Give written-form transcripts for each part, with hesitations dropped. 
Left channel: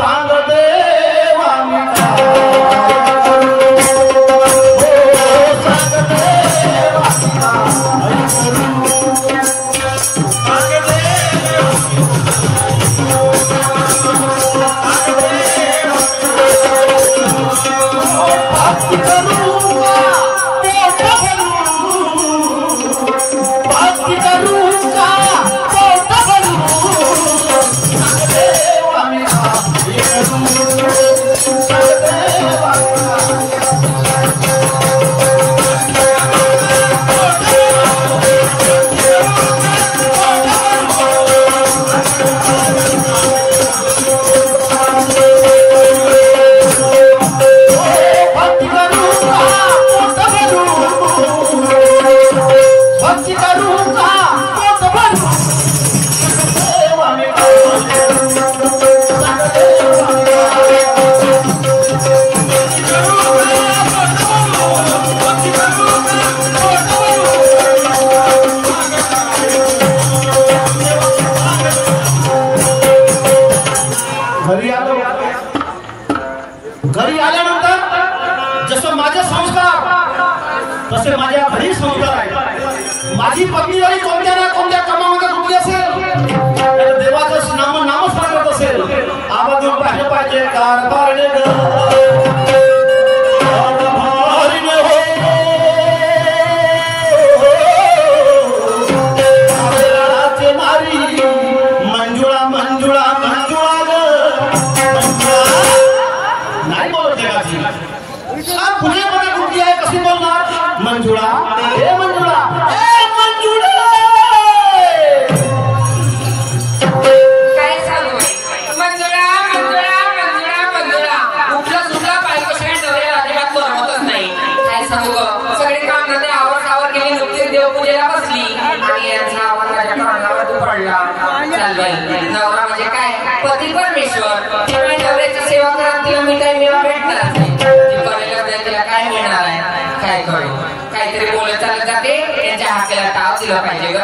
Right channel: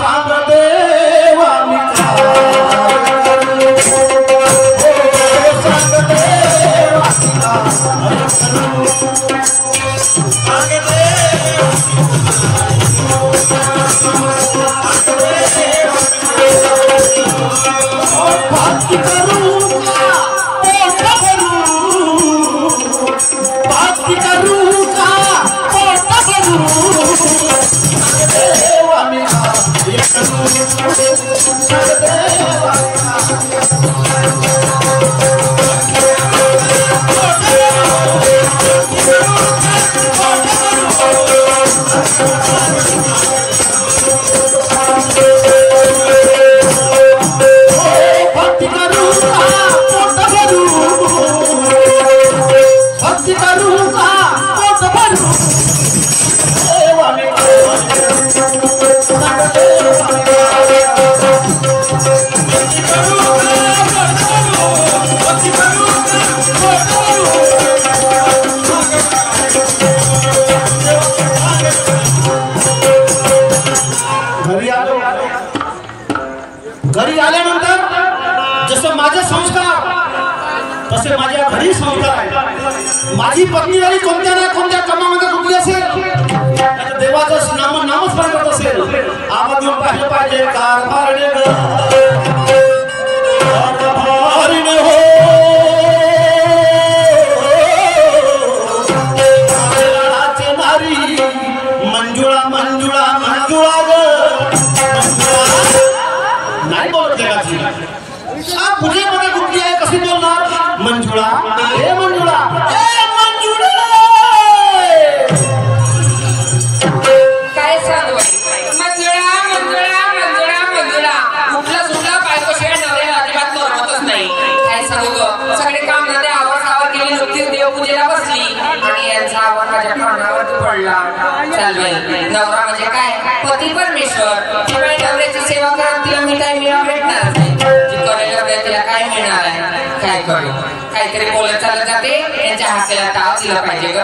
सांग देवा मी घरी आल्यानंतर जसं माझे संस्कार तसे माझ्या घरी संस्कार आहे। माझी पत्नी जरी कोणत्या ना कोणत्या कामामध्ये रुजली असेल देवाचं नामस्मरण करत असेल आवाज देऊन पाहिजे कारभार मंजुळा मंजुळा मंजुळा नाही बोलत पुण्यामध्ये कुठली आहे कशी बोलणार मंजुळा हे मंजुळा हे मंजुळा काय सांगू मंजुळा मंजुळा मंजुळा मंजुळा कुठला सुद्धा बायकोशिवाय नवऱ्याला अजिबात करमतच नाही। काय सांगू ग सगळे काम धंदे आवर केली नुकतीच देवपूजेला बसली आणि यांचा आवर माझ्या तोंडावर पडला। चाल बाई नवरा म्हणजे काय पती परमेश्वर त्यामुळे नवऱ्याची सेवा करत तिला मी काही मिळून भेटणार तिला काय मिळणार आहे काय करू काहीतरी बोलत चालत जाते त्यांच्या हाकेला टाव दिलं पाहिजे ग।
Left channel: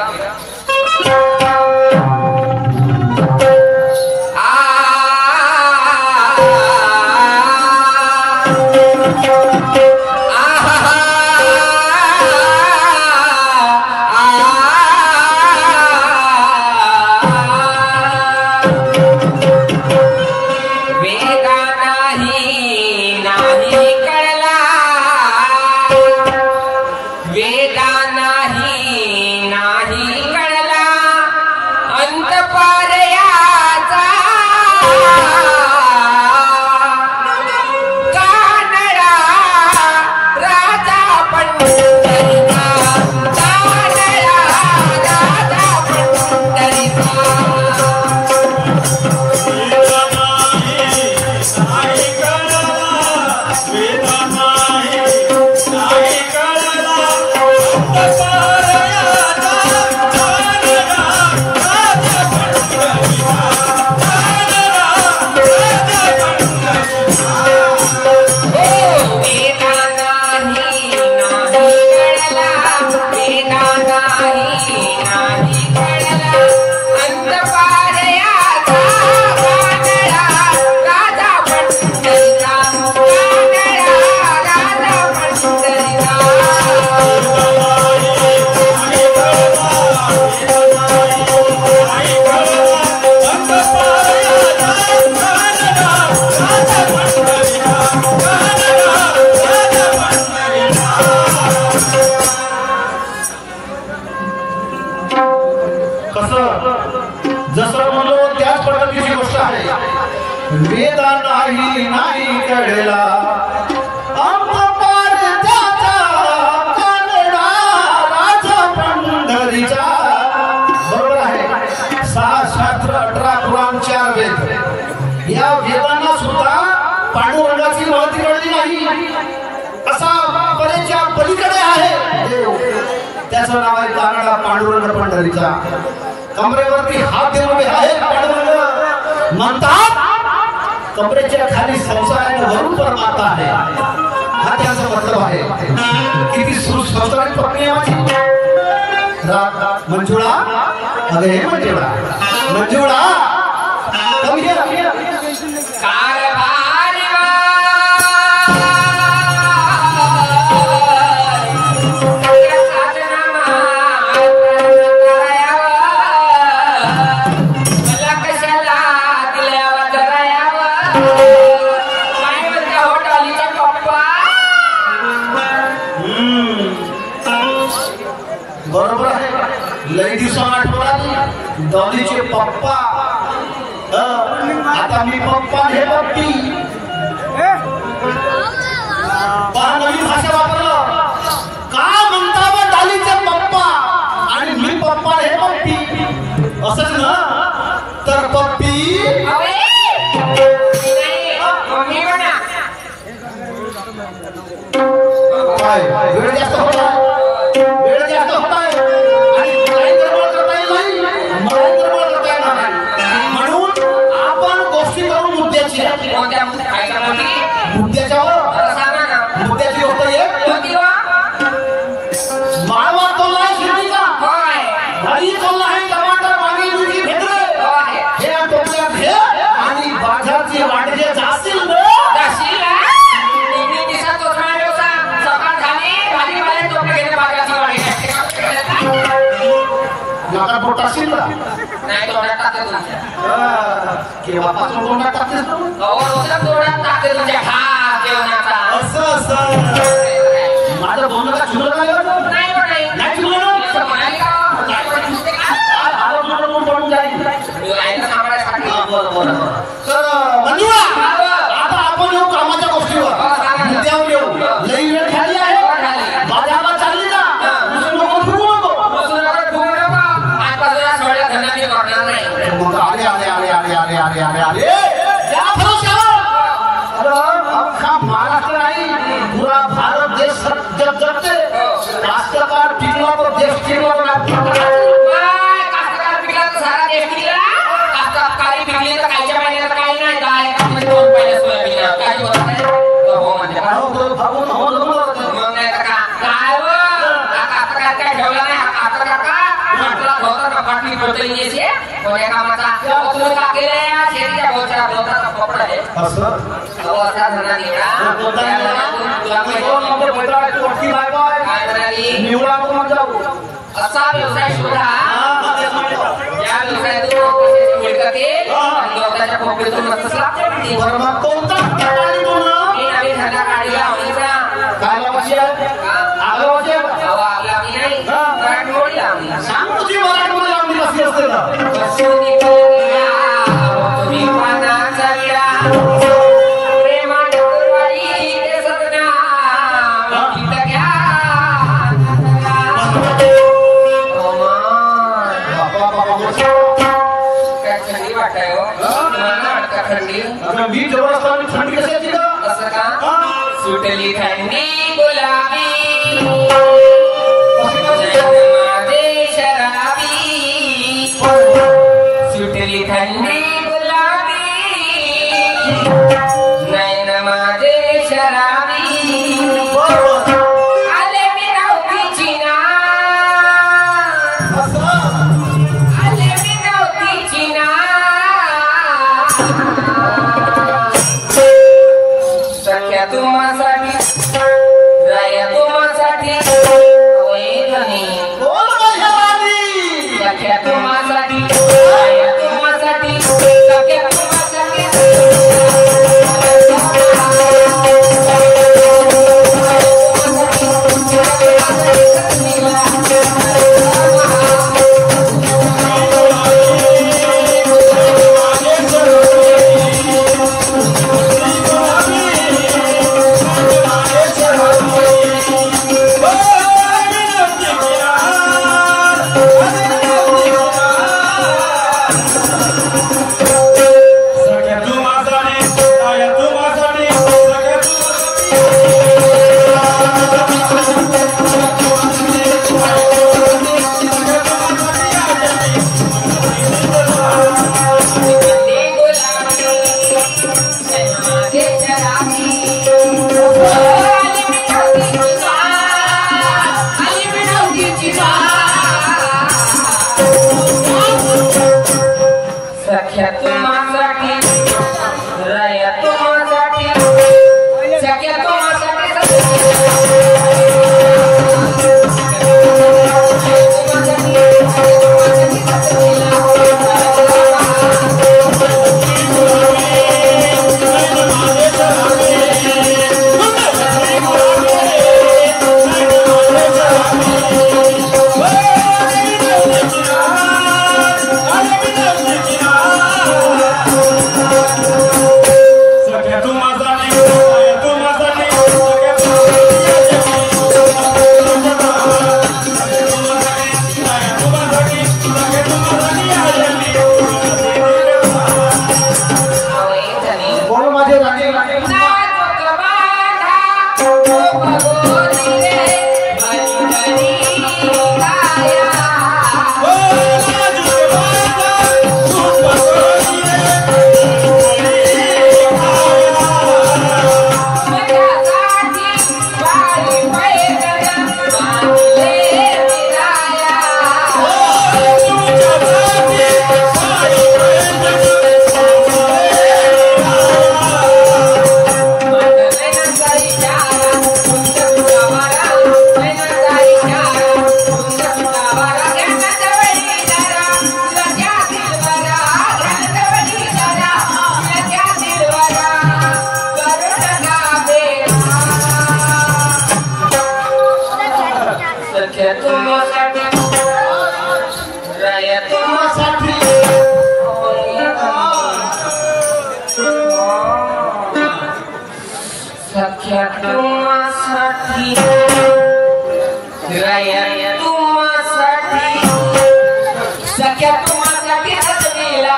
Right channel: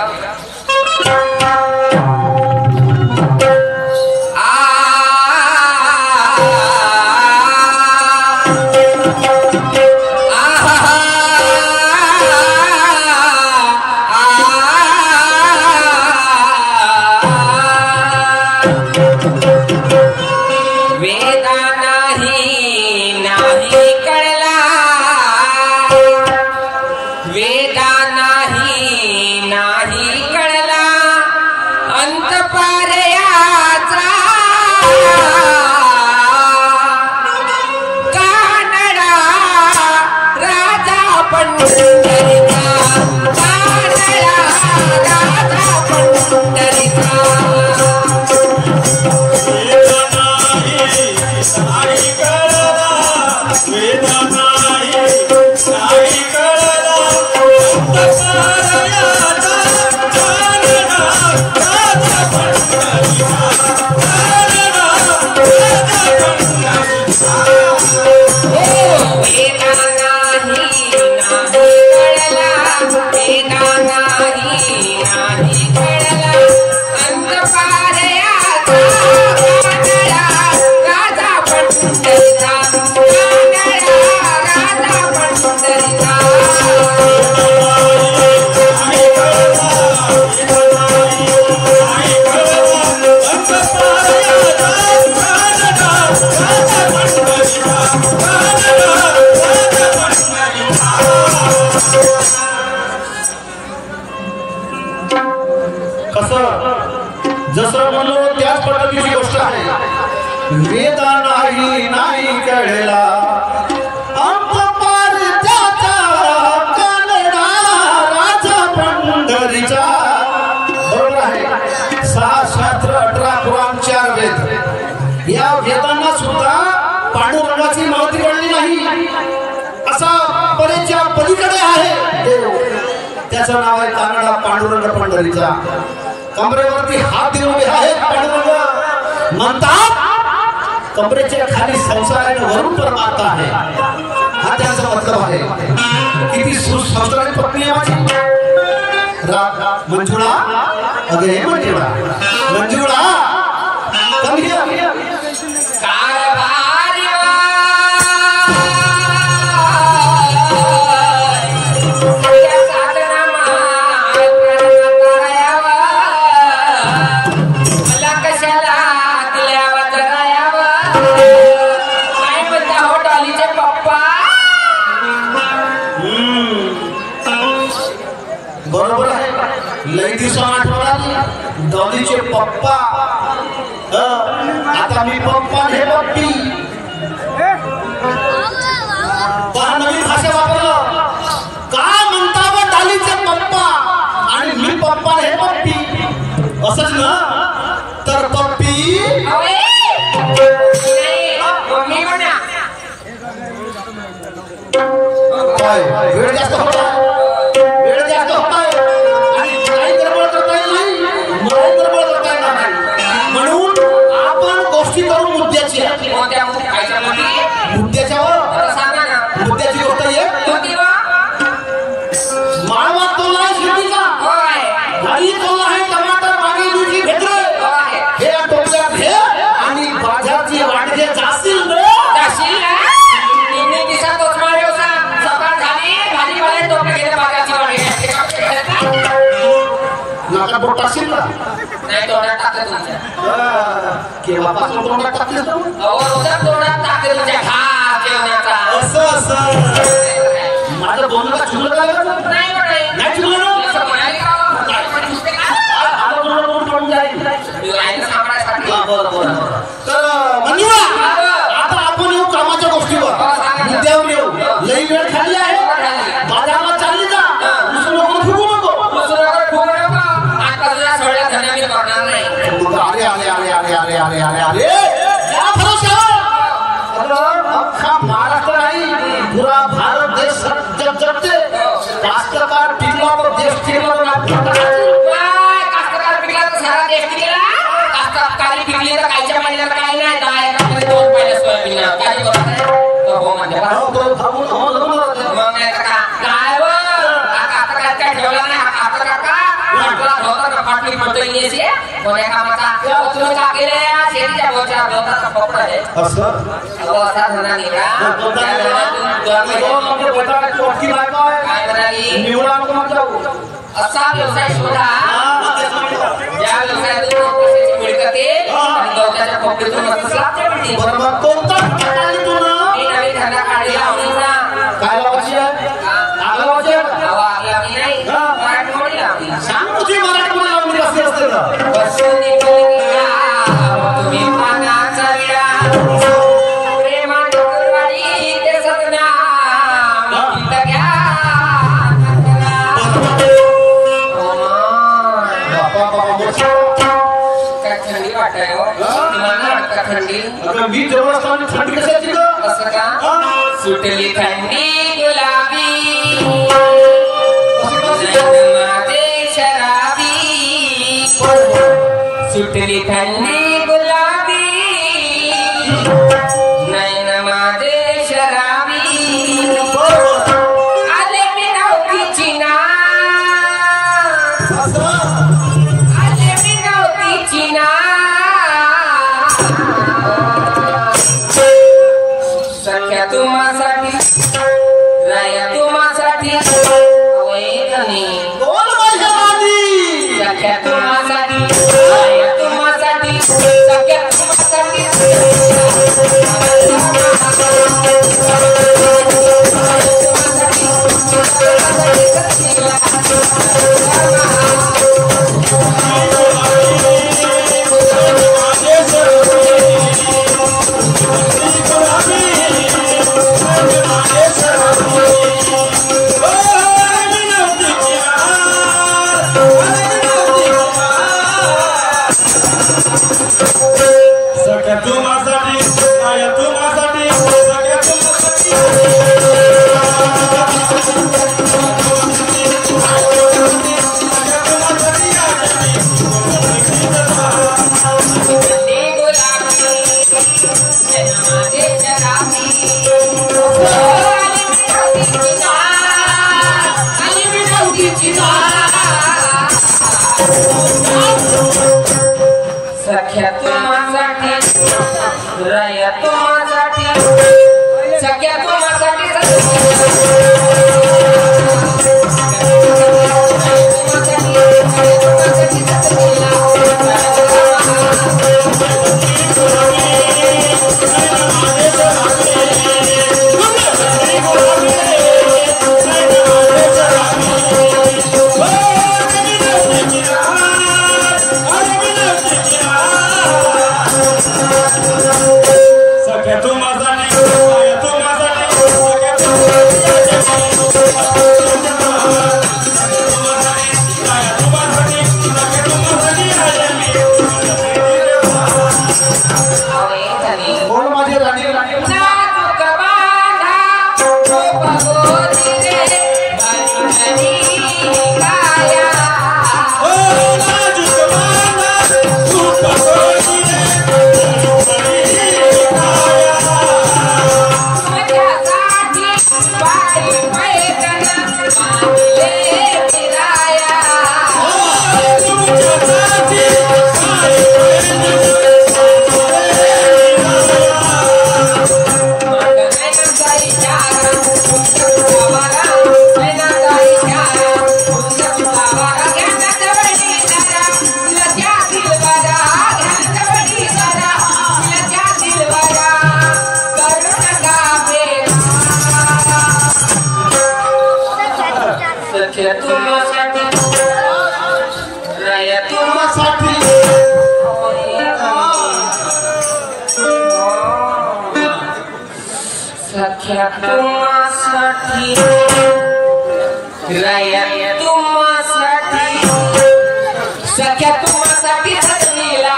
जसं म्हणलो त्याच पद्धतीची गोष्ट आहे। वेदा नाही नाही कळला अंतपार त्याचा कानडा राजा पंढरीचा बरोबर आहे। 6 शास्त्र 18 पुराण 4 वेद या वेदांना सुद्धा पांडुरंगाची महती कळली नाही असा पलीच्या पलीकडे आहे देव त्याचं नाव आहे कानडा पांडुरंग पंढरीचा। कमरेवरती हात देऊन उभे आहेत पांडुरंग म्हणतात कमरेच्या खाली संसारात वरून परमात्मा आहे हा त्याचा मतलब आहे। किती सुसंस्कारित पत्नी आहे माझी मंजुळा अगे मंजुळा मंजुळा कमी काय म्हणता हो डॉलीचे पप्पा? बरोबर आहे. लई दिवसांनी आठवण आली डॉलीचे पप्पा. आता मी पप्पा हे पप्पी नवीन भाषा वापरलं. काय म्हणता बा डॉलीचे पप्पा आणि मी पप्पा हे पप्पी असंच ना. तर पप्पी अवे नाही मम्मी म्हणा. काय वेळ जास्त होता. वेळ जास्त होताय आणि काही गडबड करता येत नाही. मला गडबड करता येणार नाही. म्हणून आपण गोष्टी करू मुद्द्याची. कोणत्या खायच्या मध्ये मुद्द्याच्यावर आता सांगा ना. मुद्द्याची गोष्ट आहे. कोणती हो? माळवा तोल आहे शिर्डीचा. होय भाजी तोल आहे टमाटर वांगी मिरची भेटले. होय हे टोपल्यात घे आणि बाजारची वाटके जातील रे. जाशील ना? तुम्ही दिसा कोचमार व्यवसा सकाळ झाली भाजीपाले टोपले गेले बाजारची वाटे. लोकांना बोट टाकशील का? नाही तोंडात टाकते तुमच्या. केव्हापासून तोंडात टाकतेस तू? अहो रोजच तोंडात टाकते तुमच्या खा जेवणाचा. असं माझं बोलणं का चुकलं नाही बरं? नाही बा नाही. नाही चुकलं ना? असं म्हणायला का? नुसते काय? आता तुला बोलून पडून जाईल. राहायला सांभाळायसाठी. तर मंजुळा, आता आपण येऊ कामाच्या गोष्टीवर. मुद्द्यावर येऊ. लई वेळ खाली आहे. बाजारला चालली जा. दुसरं लोक फिरू नको. दुसऱ्याकडे फोन नको. आजपासून या सगळ्या धंदा मी करणार नाही. अरे अरे अरे अरे अरे अरे अरे अरे या भरोश्यावर अख्खा महाराष्ट्र नाही पुरा भारत देश जग जगते. कास्तकार टिकला तर देश टिकला नाही. काय कास्तकार पिकला तर सारा देश पिकला. कास्तकारी पिकली तर कायच्या महिन्याला काही नाही. 10 एकरामध्ये 2 पाहिलं सोयाबीन. काय बरोबर आहे? हो म्हणते बा. मग नाही तर का? काय हो? हा कास्तकार काय ठेवला नाही. हा कास्तकार का म्हटला होता का फाटली पडतो येण्याची कोण्या कामाचा तुम्ही का केलं या शेतीच्या बोलताचा कपडा आहे. असं असा धंदा निघा. काय म्हणाली? असा व्यवसाय शोधा ज्या व्यवसायातून पैशाची मिळकत येईल आणि गवताच्या खोपडीतून मस्त लाभ मिळतील. कोणता मी नवीन धंदा काढला आवडीचा. काय लावायची आहे? लावायची आहे? अहो आपली आपली नाही मराठमोळी लावली. सांगूची मराठीमध्ये लावली असते असते ना. बसून इकडे तुम्ही पानाचा विडा प्रेमात करणारी ते सदना गीत घ्या. काय थंडी वाटतंय हो? तुम्हाला वाटतं थंडी? मी जवळ असताना थंडी कशाची का? असं का? सुटली थंडी गुलाबी नैन माझे शराबी. सुटली थंडी गुलाबी नैन माझे शराबी. आले मी नव्हतीची ना आले मी नव्हतीची ना. सख्या तुम्हासाठी राया सख्या तुम्हासाठी राया तुम्हासाठी सख्या तुम्हासाठी हसलेला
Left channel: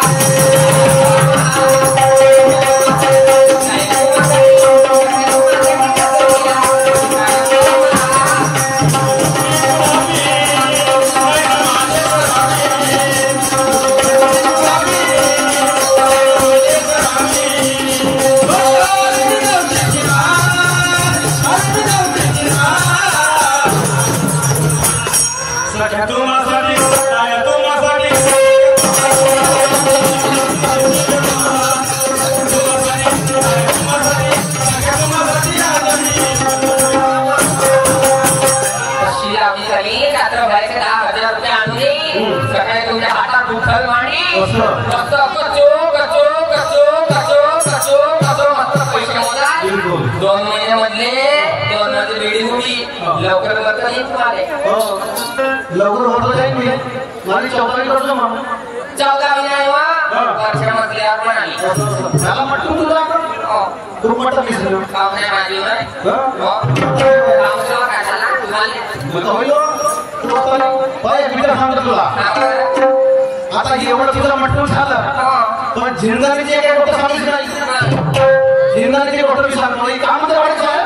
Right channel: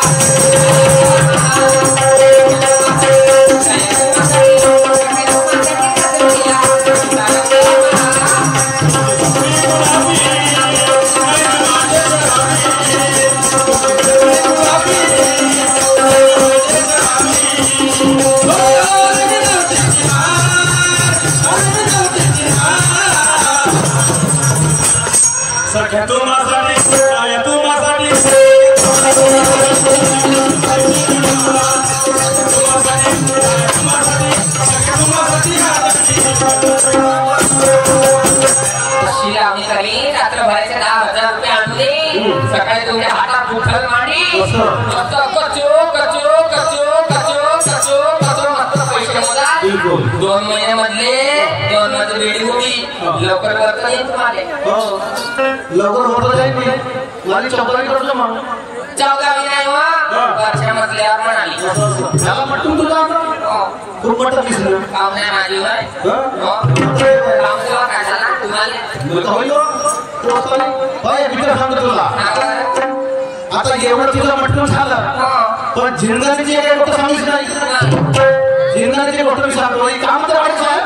सकाळी तुमच्या हातात उठल मांडी मस्त कचो कचो कचो कचो कचो कचो मस्त पैसे होतात 2 महिन्यामधले 2 मध्ये बिल्डिंग होती लवकर करता येईल तुम्हाला लवकर होत जाईल माझी चौकडी करतो म्हणून 14 महिना वर्षा मधल्यावर पण आली झाला म्हटलं तुला तू म्हटलं दिसलं काम नाही माझी काम तुला काय झाला तुम्हाला तुला आता एवढं तुझं म्हटलं झालं पण जिंदगीचे काही गोष्ट सांगितलं नाही जिंदगीचे गोष्ट मी सांगतो एक काम तर व्हायचं आहे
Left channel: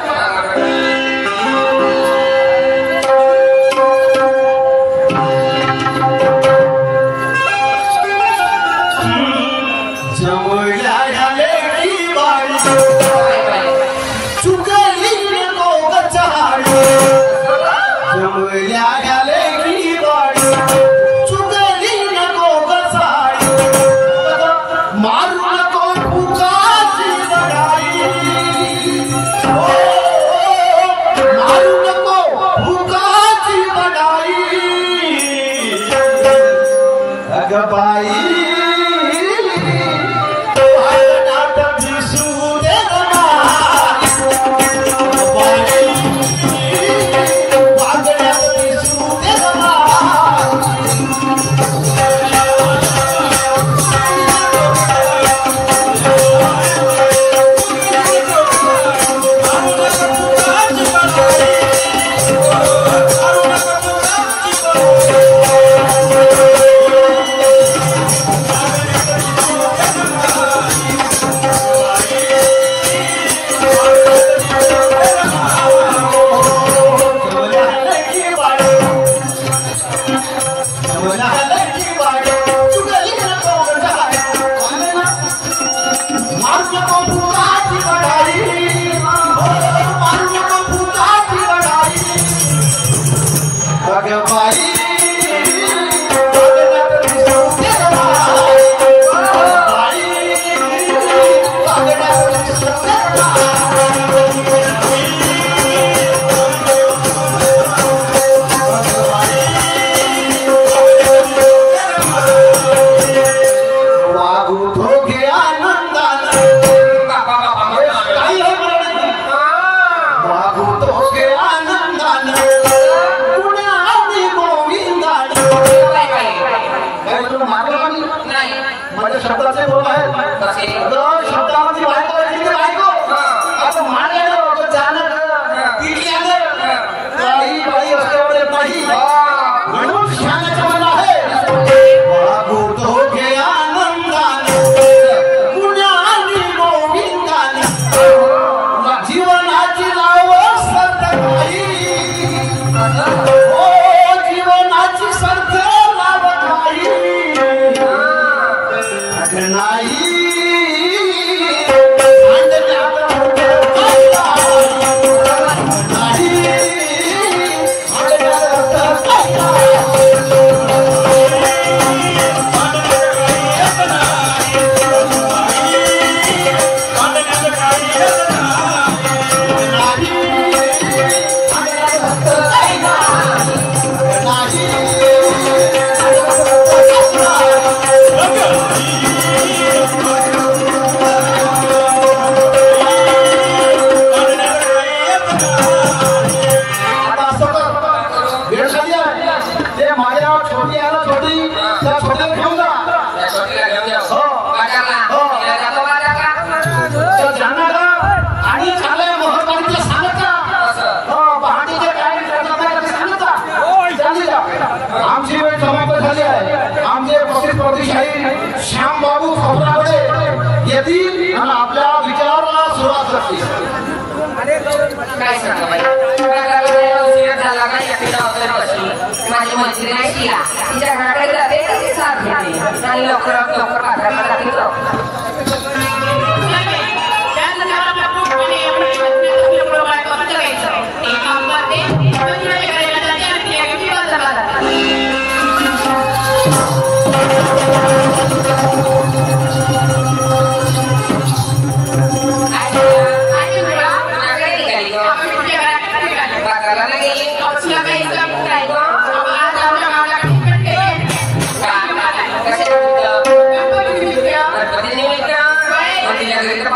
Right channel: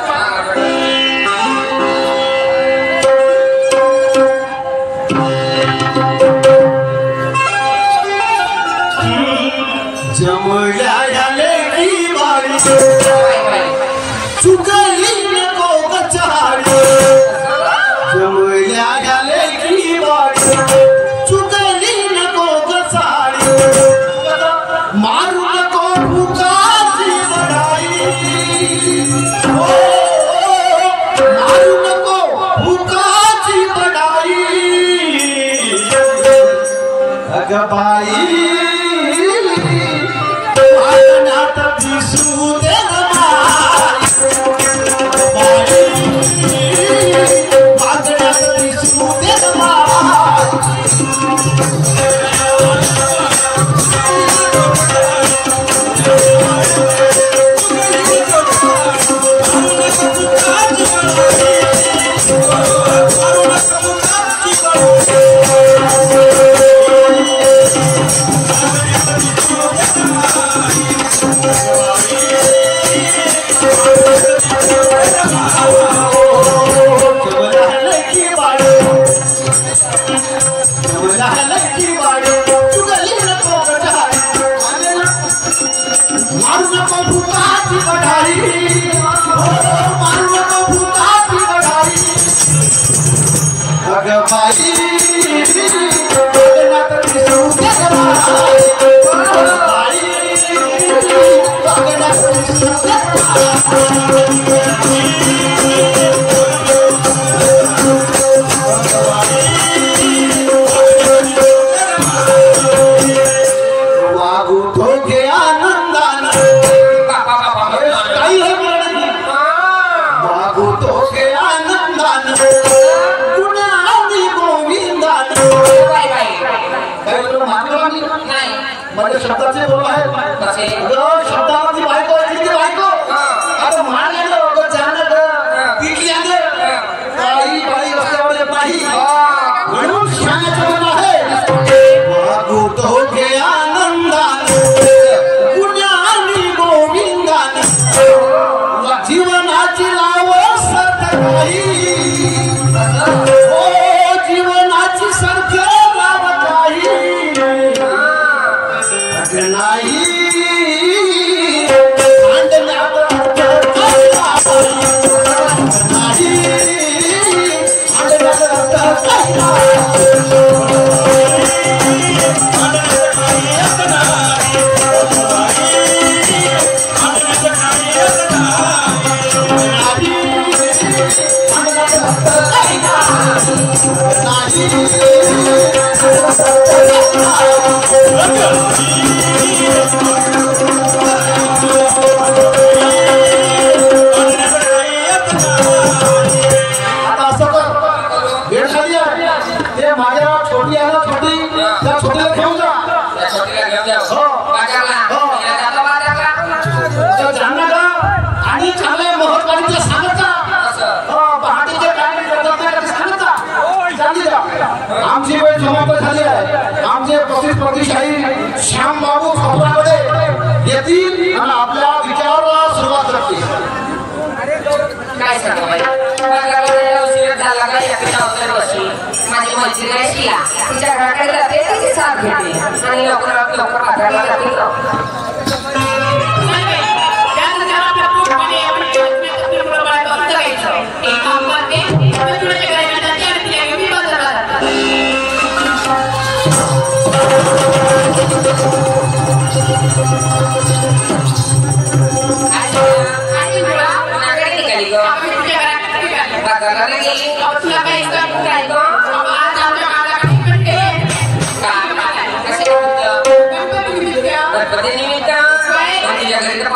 नाही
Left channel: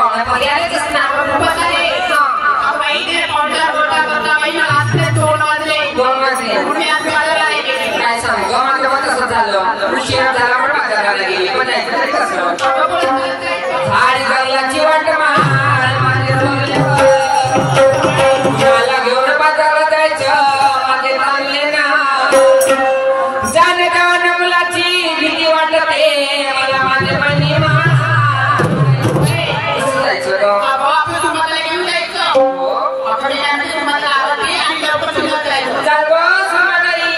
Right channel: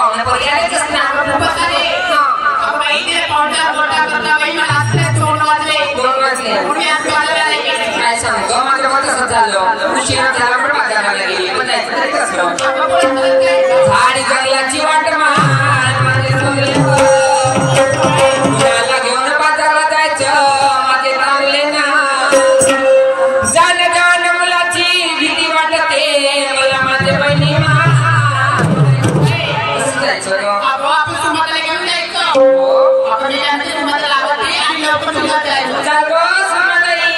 पाहुण्या पोरी आलेच असणार. दोन वाजले. काय सांगू ग, माझं मग तसंच झालं. उशिरा झाला पण बाजाराला गेली. पण जायचं तरी कसं? झाडी जंगलाची वाट महाल माझे जंगले कुणाला घेऊन बाजाराला जायचं माझे चांगले ना. जाण मुलाची भीती वाटते मला माझे बहिणी कसं जायचं ग? चल ग समाधाई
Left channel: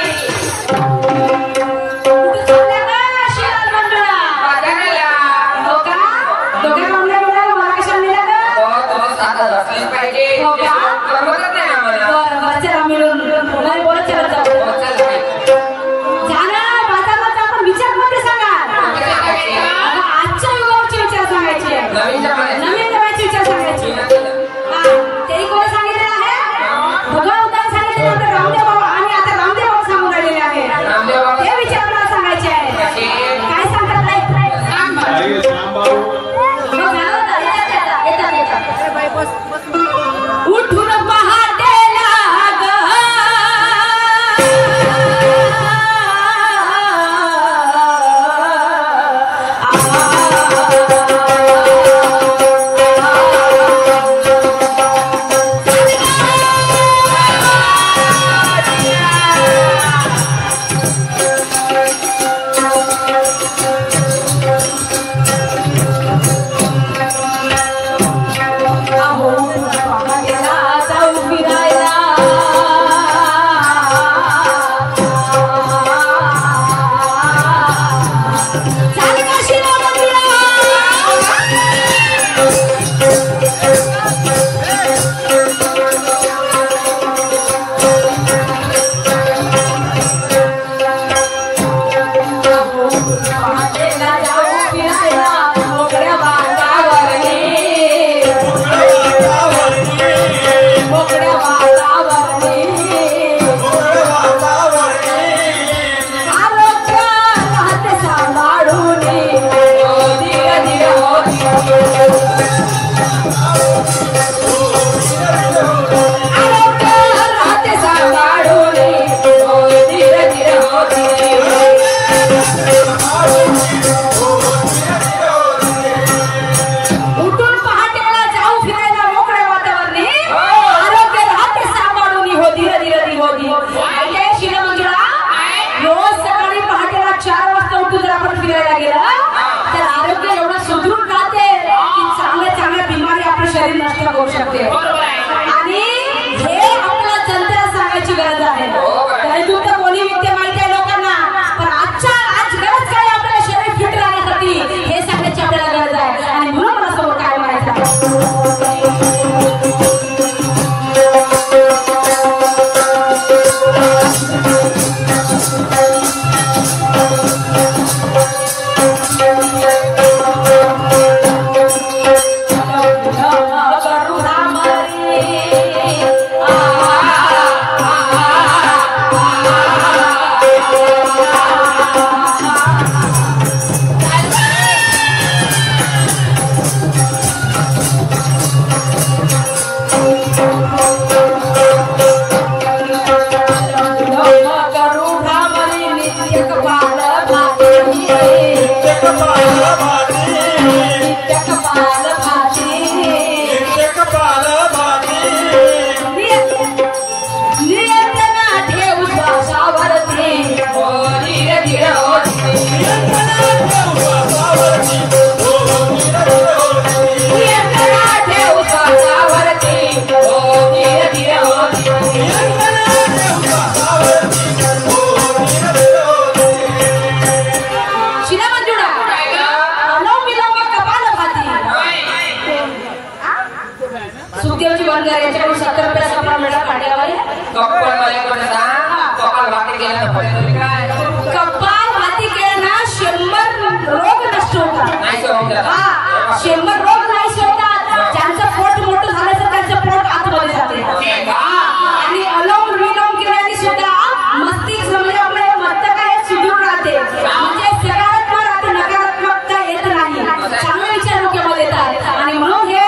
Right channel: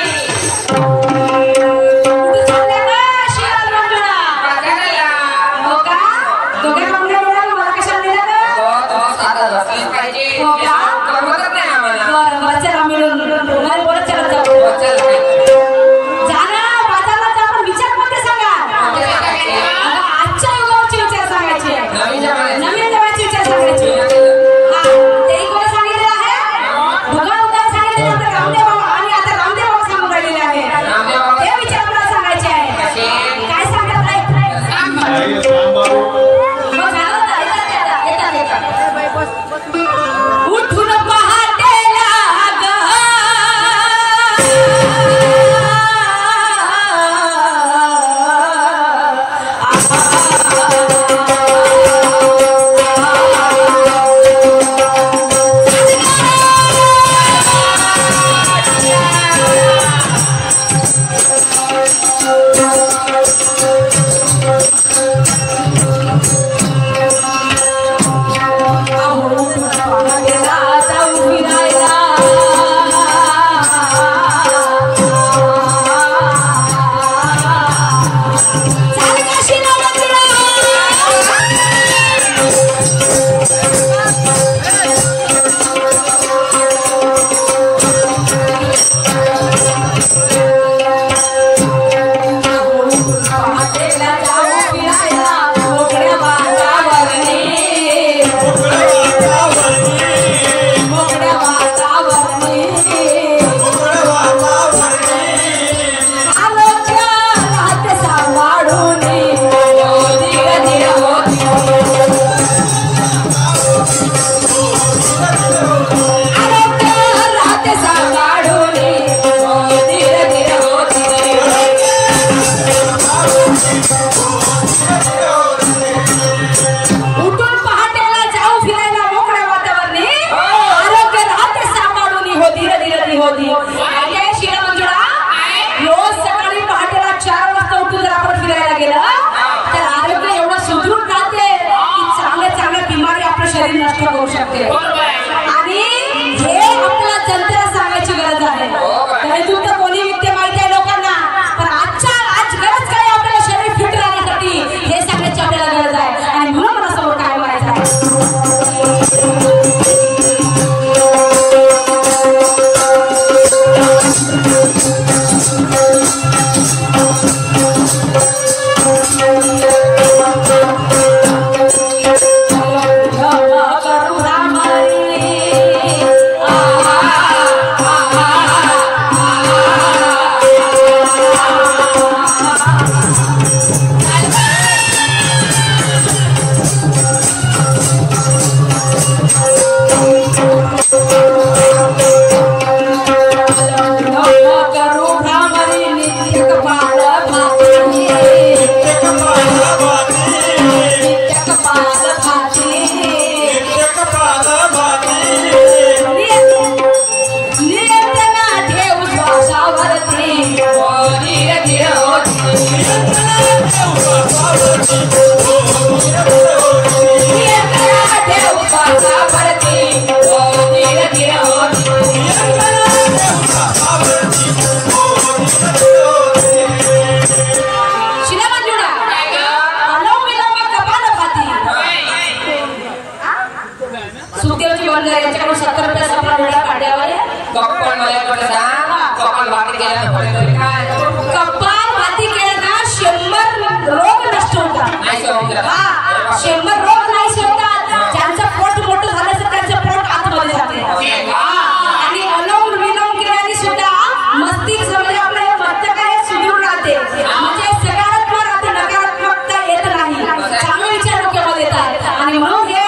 म्हणजे सकारात्मक राहते नकारात्मकता येत नाही. चांगले विचार डोक्यामध्ये येतात आणि म्हणून हे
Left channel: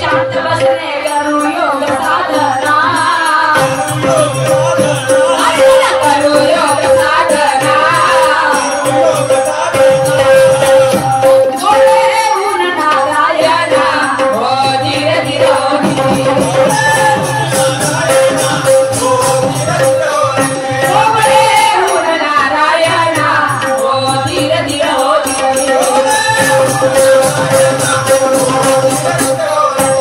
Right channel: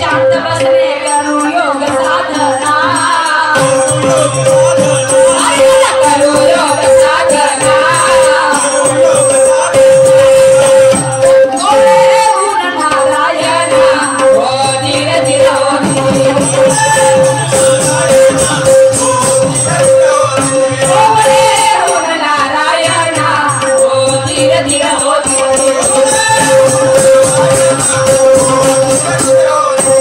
शांत बसणे करू योग साधना करू योग साधना गोळे ऊन नारायण हो धीर धीर हो धीर गोळे ऊन नारायण हो धीर धीर हो धीर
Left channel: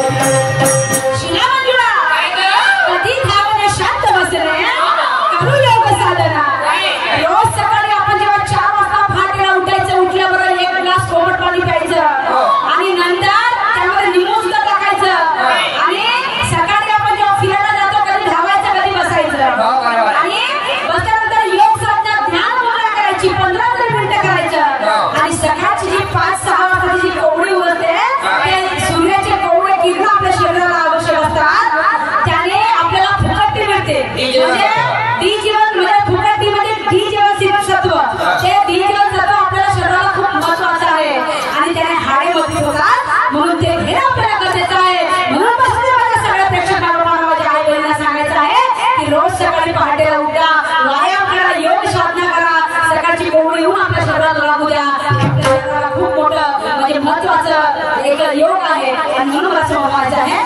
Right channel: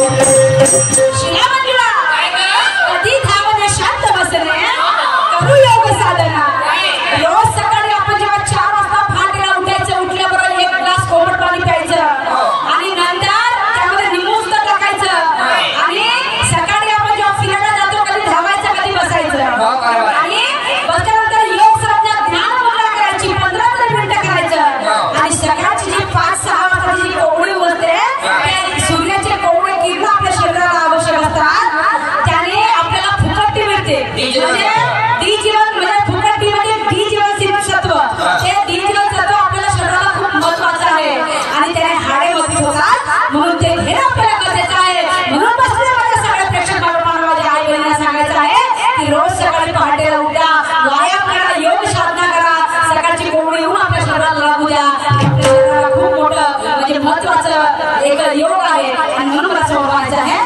शिला मंजुळा काय गं? कधी धावणे शांत बसणे करू योग साधना रोज सकाळी आपण जेव्हा 4 वाजता पहाटेला उठायचं उठल्याबरोबर 1 ग्लास कोमट पाणी प्यायचं आणि नंतर त्यामध्ये निमोज टाकायचं आणि सकाळी आपण जेव्हा फिरायला जातो कधी धावायचं कधी बसायचं हो बरोबर आणि बसल्यानंतर योग साधना ध्यान मुद्रा करायची 15 तरी मिनिटं करायचं आणि सकाळची जी 5-6 वाजताची जी कोवळी उमलते ते सूर्याचे कोवळे किरण आपल्या शरीराला आवश्यक असतात त्याने आपल्याला फुकटी मिळते म्हणजे डी जीवन म्हणजे फुकटी म्हणजे डी जीवन सत्व ते डी जीवन सत्व आपल्याला शरीराला खूप महत्वाचं आहे आणि त्याने हाडे मजबूत होतात म्हणून ते घेणं आपल्याला गरजेचं आहे म्हणून बसले माझ्या सगळ्या प्रेक्षक बाळांना माझ्या आई बहिणींना सांगायचं आहे की रोज सकाळी पहाटे उठा व्यायाम करा योग साधना करा सकाळची कोवळी येऊन आपल्या शरीराला लागू द्या आपल्या शरीराला खूप मोठं म्हणजे महत्वाचं एक योग आहे आणि म्हणून असं व्हायचं आहे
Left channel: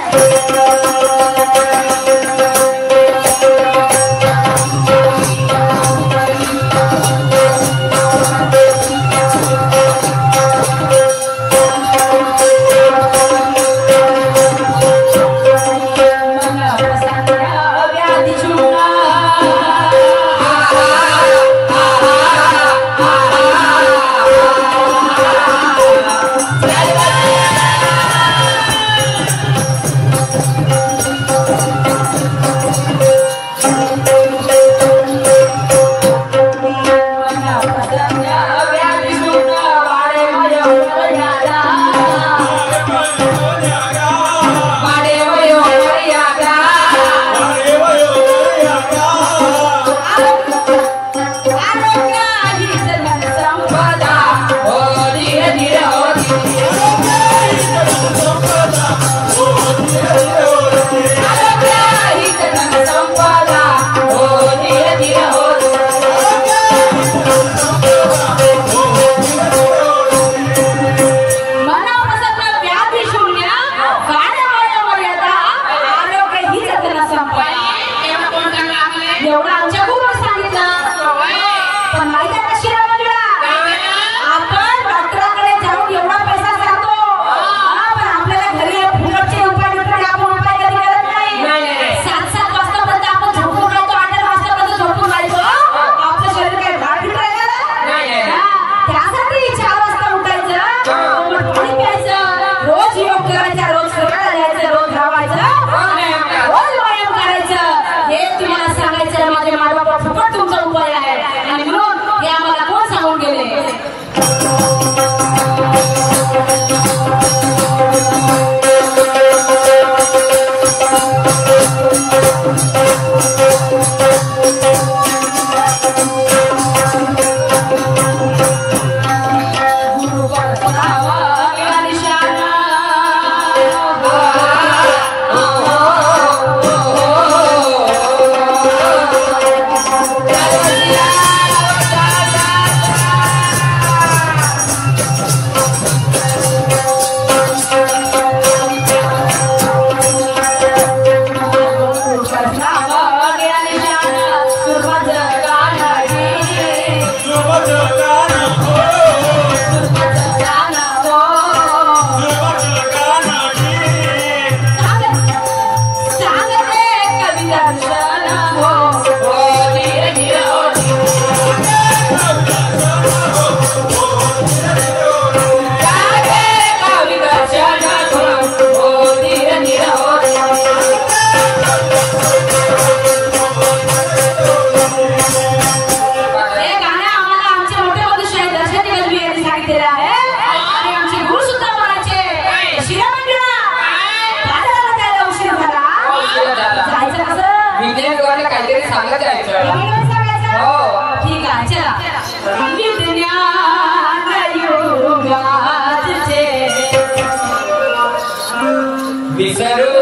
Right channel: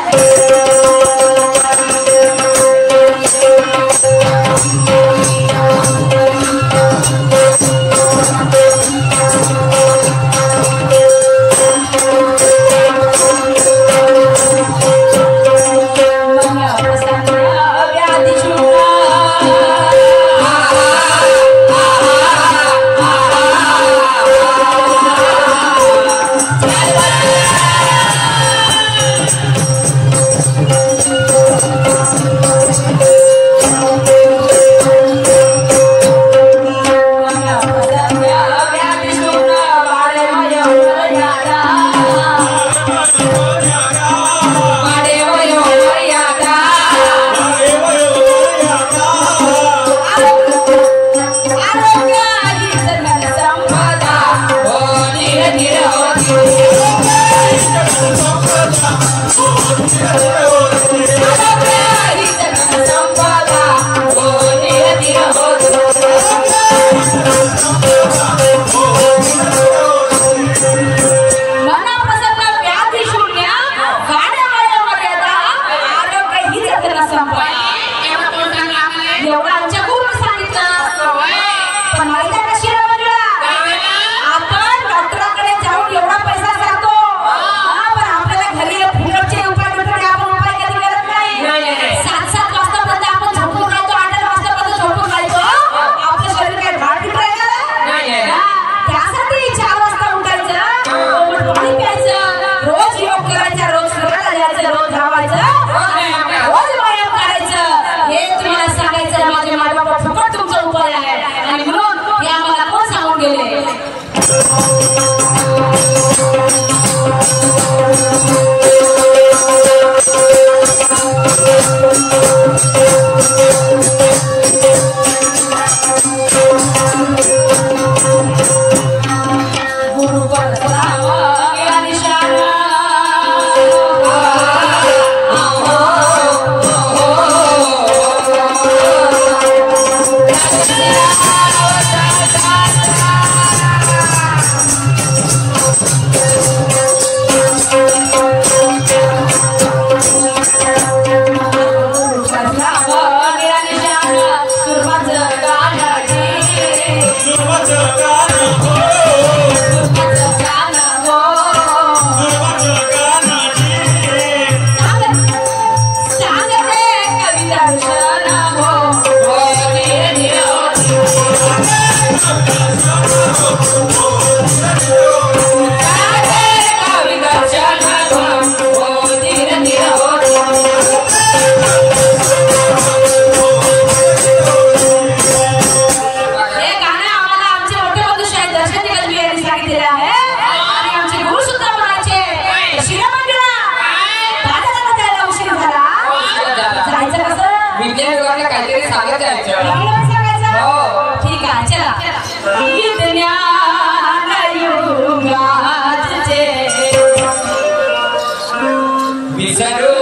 विसरू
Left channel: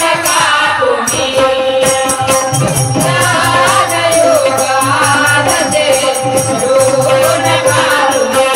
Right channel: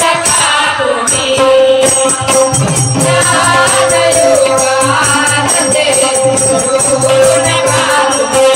नका तुम्ही ज्ञानयोगामध्ये विसरू नका तुम्ही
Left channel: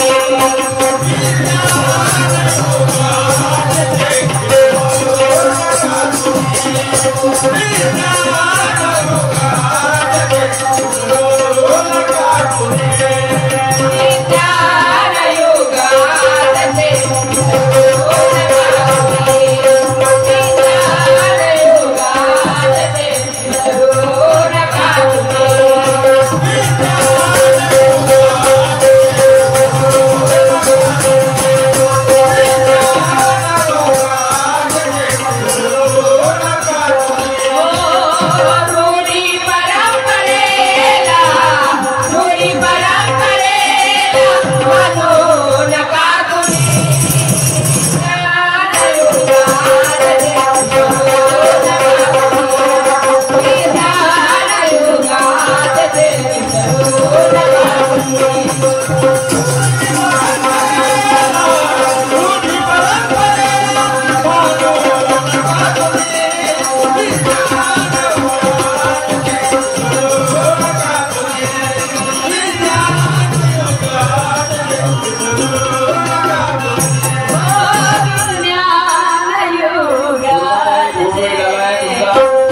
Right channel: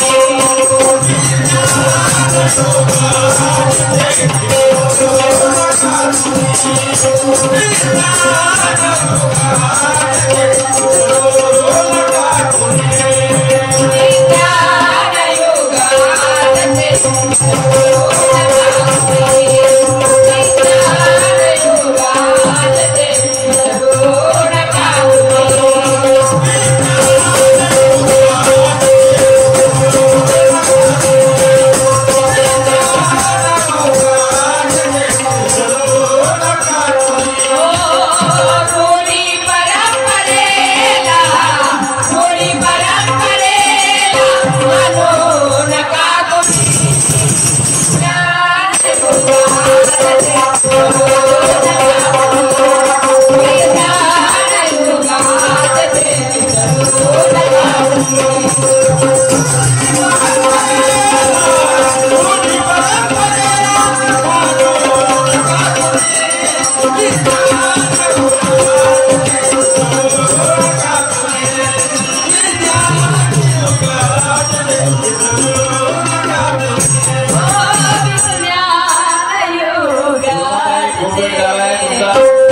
ज्ञानयोगामध्ये